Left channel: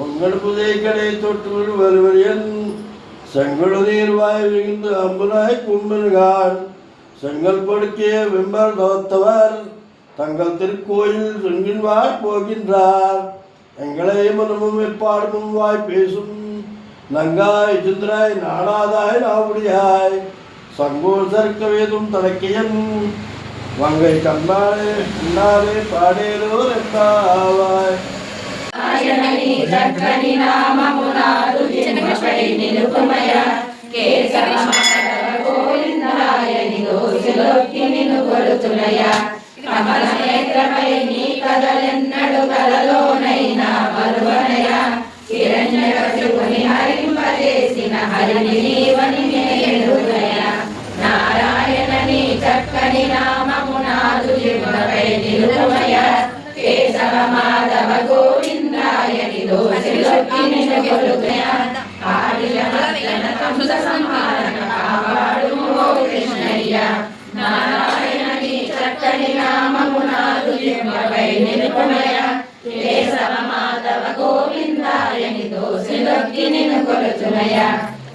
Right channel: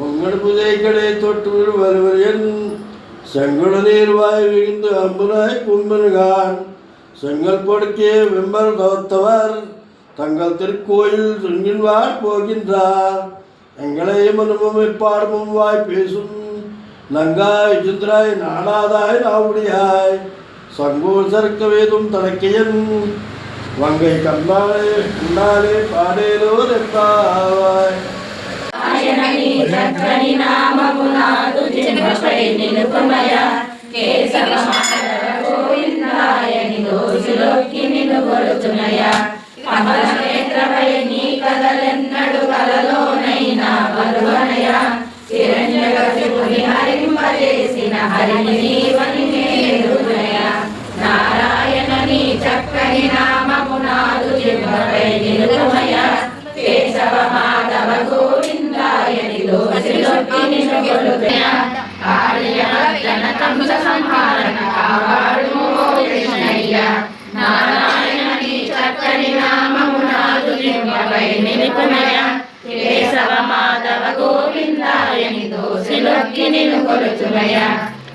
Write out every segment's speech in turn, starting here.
முன்கடுப்புதை தொட்டு வருவரியன் செங்கொடு நீர் வாய் விழுந்து அம்புனாய் கும்பனுகான் செங்கல் கொடுக்கே வெம்பர் தவத்தவர் தங்கள் திருக்கோயில் சுங்கின்வார் போகின்றார். எங்களை மனமும் எப்பாடமும் வாய் பேசும் நங்காய் சுந்திராய் நாடாதாய் நாவுடியாய் சங்கோர் சறுக்க வேதும் தடக்கையன் வங்கை கண்ணாலே கண்ணாலே பாடேலோ ரெப்பாவாய். కదలెన్నడు కలలోనైనా బరువనయ హరింపజేసిన హరిని నీవని నేరునయ నారాయణని చక్కని నామము నాదు జిహ్వపై నిలువయ కేశవ మాధవ గోవిందాయని దోసిలొక్కి నిలుగొలుగయ ఆర్యమర్దన కంస సంహారణ కాపాడుము ఓ కృష్ణయ్య నారాయణని చక్కని నామము నాదు జిహ్వపై నిలువయ కేశవ మాధవ గోవిందాయని దోసిలొక్కి నిలుగొలుచునయ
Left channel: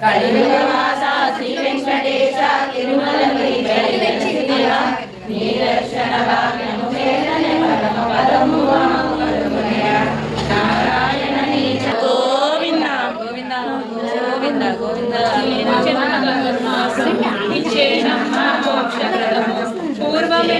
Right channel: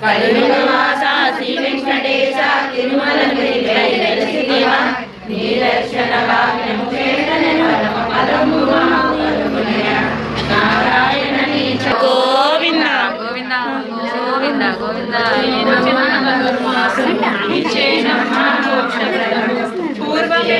కలియుగవాస శ్రీ వెంకటేశ తిరుమల గిరిశివ నీరక్షణ వాక్యము చేతనే పరమ పదము నారాయణని గోవింద గోవింద గోవింద గోవింద పూర్వమే